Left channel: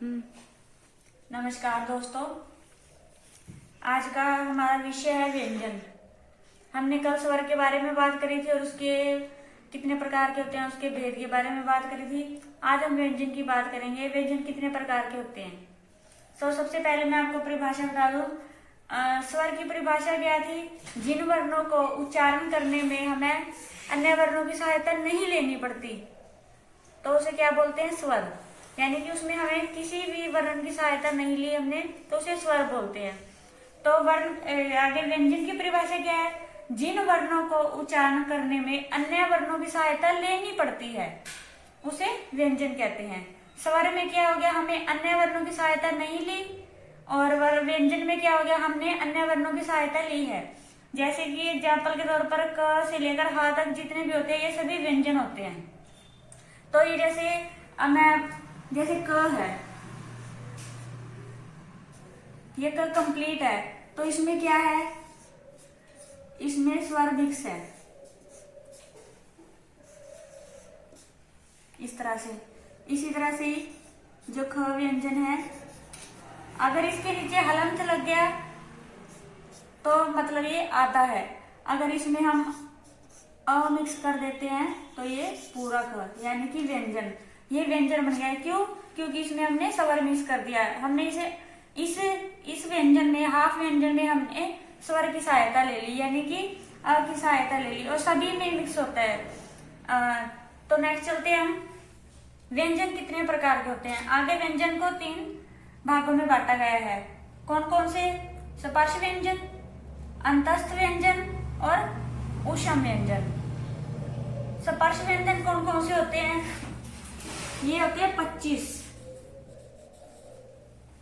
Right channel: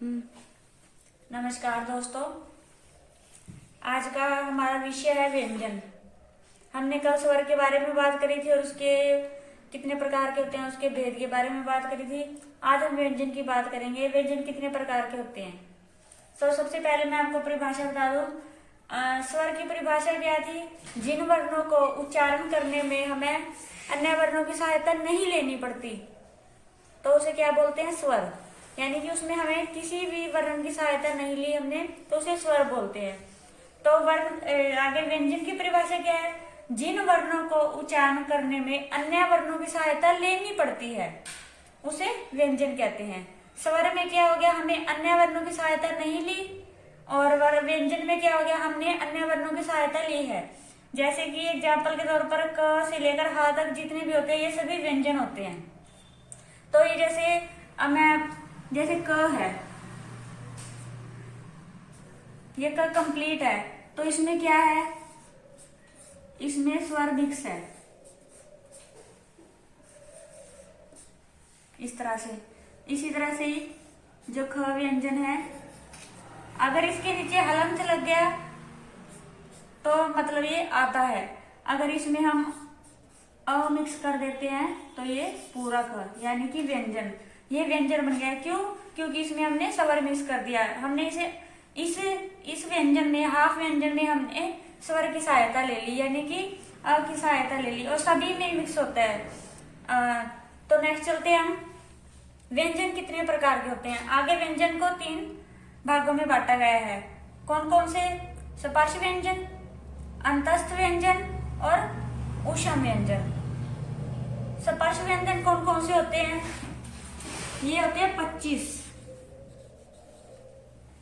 नमस्कार दोस्तों, आज का हमारा विषय है व्यंजन। हमने कल स्वर के बारे में बात करी थी और उसके कितने प्रकार के होते हैं उसके भेद के बारे में बात करी थी। आज हम व्यंजन की बात करेंगे। व्यंजन कितने प्रकार के होते हैं। सबसे पहले मैं आपको परिभाषा बता दूं। स्वर की परिभाषा क्या थी? जिन वर्णों को उच्चारण करने में हमें अन्य वर्णों की सहायता नहीं लेनी पड़ती तो उसे क्या बोलते हैं? स्वर। यानी कि उसमें हमें किसी भी वर्ण की सहायता नहीं ली हमने तो उसे स्वर बोलते हैं। तो वर्ण आगे व्यंजन की परिभाषा क्या है? जिन वर्णों को उच्चारण करने में अन्य वर्णों की सहायता लेनी पड़ती है उसे व्यंजन कहते हैं। स्वर में क्या हो गया? हमने अन्य वर्णों की सहायता नहीं ली, और व्यंजन में क्या हो गया? हमने अन्य वर्णों की सहायता ली है। जैसे कि एग्जाम्पल के तौर पर क से लेकर ह तक जितने भी होते हैं ये सभी व्यंजन होते हैं। तो ये जैसे क है, ये क कंप्लीट है तो इसमें क्या है? इसमें स्वर मिक्स है इस तरह से। इसी तरह से जो ख व्यंजन है, अगर इसके नीचे हलंत लग गया तो मतलब ये आता है। अगर इसमें हम अ मिक्स कर देते हैं तो ये पूरा ख यानी कि व्यंजन। ये व्यंजन बन गया। क्यों? क्योंकि इसमें हमने स्वर मिक्स कर दिया। हमने इस व्यंजन में, हाफ व्यंजन में हमने स्वर की सहायता ले ली, यानी कि अ की सहायता ले ली, और सभी में मिक्स होता है। तो नेक्स्ट चलते हैं हम। व्यंजन कितने प्रकार के होते हैं? आगे व्यंजन को 3 भागों में बांटा गया है। कौन कौन से? स्पर्श व्यंजन, अंतस्थ व्यंजन और ऊष्म व्यंजन। स्पर्श व्यंजन कौन कौन से होते हैं? ये होते हैं 25।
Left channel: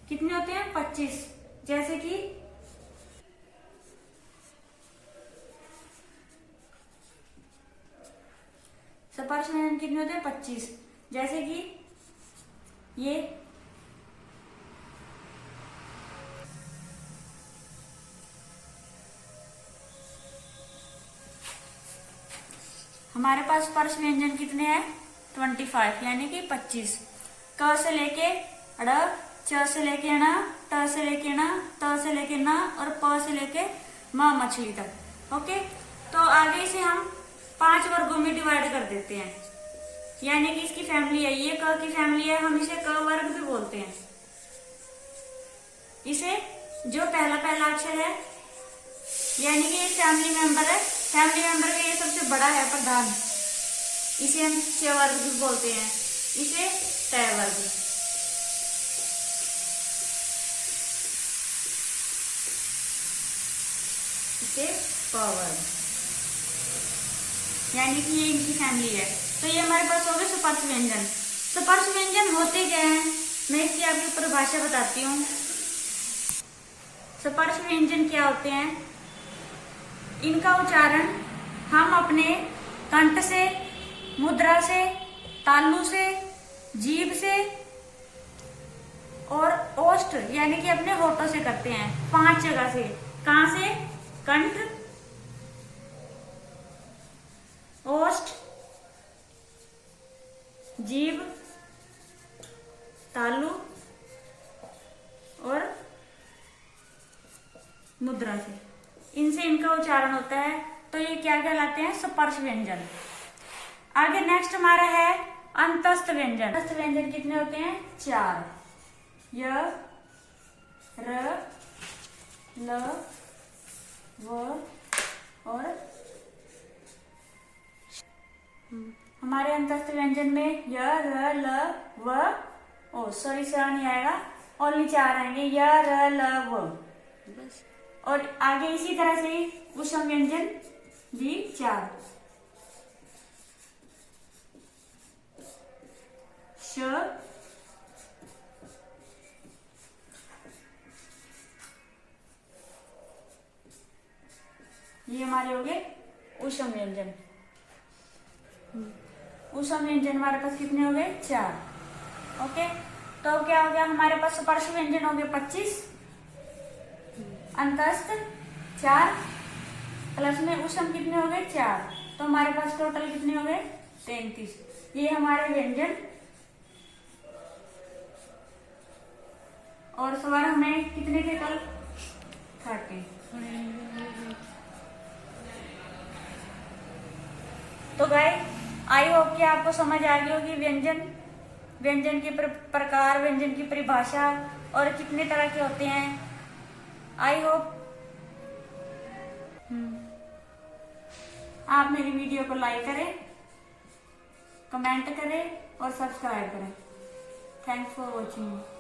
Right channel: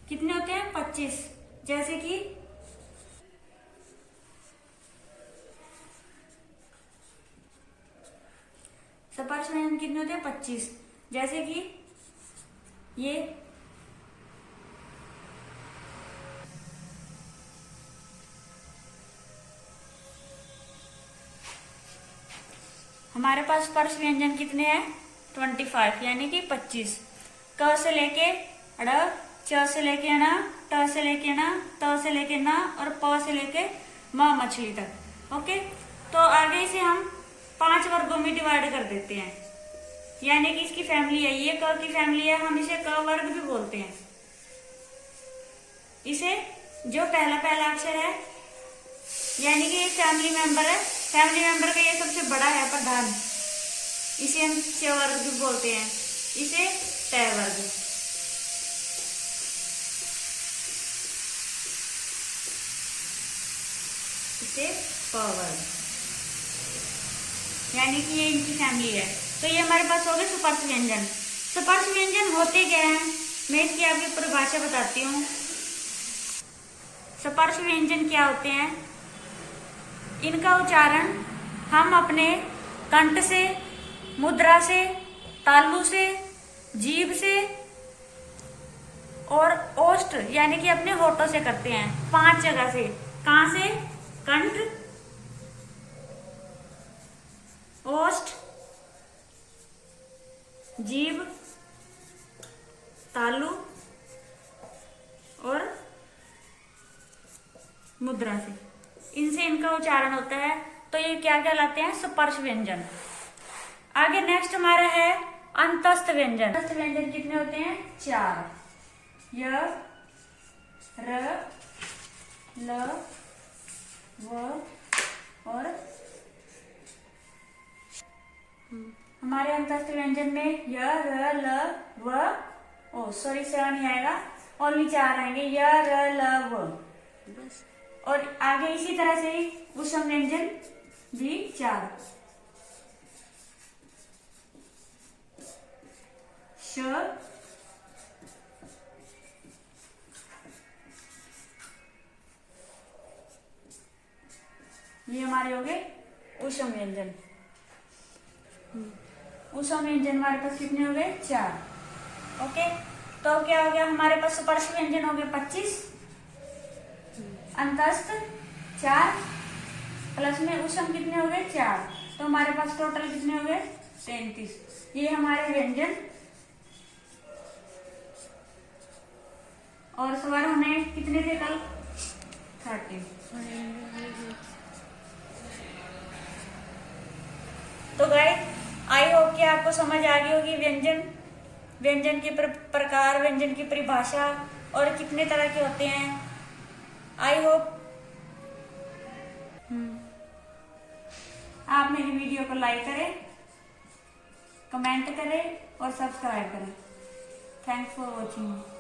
कितने होते हैं? 25। जैसे कि स्पर्श व्यंजन कितने होते हैं? 25। जैसे कि ये हमारे पास स्पर्श व्यंजन कितने हैं? 25 यानी कि 25। क से लेके ड़, च से लेके ण, ट से लेके ण, त से लेके न और प से लेके म मछली तक। ओके, तो आगे इसे हम 5 वर्गों में डिवाइड कर देते हैं। यानी कि इसकी फैमिली है, ये क की फैमिली है, हम इसे क वर्ग भी बोलते हैं। इसे जो पहला पहला अक्षर है यानी कि ये फैमिली मेंबर है, फैमिली मेंबर का ये सबसे बड़ा है प्रधान, इसे हम च वर्ग भी बोलते हैं। इसे ट वर्ग। इसे प वर्ग, यानी कि ये इनकी फैमिली है। तो ये हमारे पास हो गए स्पर्श व्यंजन। स्पर्श व्यंजन होते क्या है? मैं इसकी आपकी परिभाषा बताती हूँ। स्पर्श व्यंजन क्या होते हैं? इनका उच्चारण हम अपने कंठ से, मुद्रा से, तालु से, जीभ से और ओष्ठ यानी कि अपने होठों से करते हैं। 5 जगह से। कहां से? कंठ, ओष्ठ, जीभ, तालु और मुद्रा से। इनसे इनका उच्चारण होता है। तो ये क्या कहलाते हैं? स्पर्श व्यंजन। आगे नेक्स्ट हमारा है अंतस्थ व्यंजन। अंतस्थ व्यंजन कितने होते हैं? 4। य, र, ल, व और हमारे अंतस्थ व्यंजन में य, र, ल, व, ओ सॉरी स नहीं आएगा, ओनली 4 आएंगे। य, र, ल, व बस। और आगे इसी तरह से ही ऊष्म व्यंजन भी 4। श, ये हमारे हो गए ऊष्म व्यंजन। ऊष्म व्यंजन हमारे पास कितने हो गए? 4। ओके, तो क्या हो गया? हमारे पास स्पर्श व्यंजन हो गए 25, अंतस्थ 4, प्लस में ऊष्म कितने हो गए? 4। तो हमारे पास टोटल कितने हो गए? 33। ये हमारे व्यंजन और स्वर हमें कितने थे कल? 30। तो गाइस आई होप कि आपको समझ आ गई होगी व्यंजन के प्रकार, व्यंजन की परिभाषा और कितने तरह के होते हैं। आई होप आप मेरी वीडियो को लाइक करें, कमेंट करें और सब्सक्राइब करें। Thanks for watching.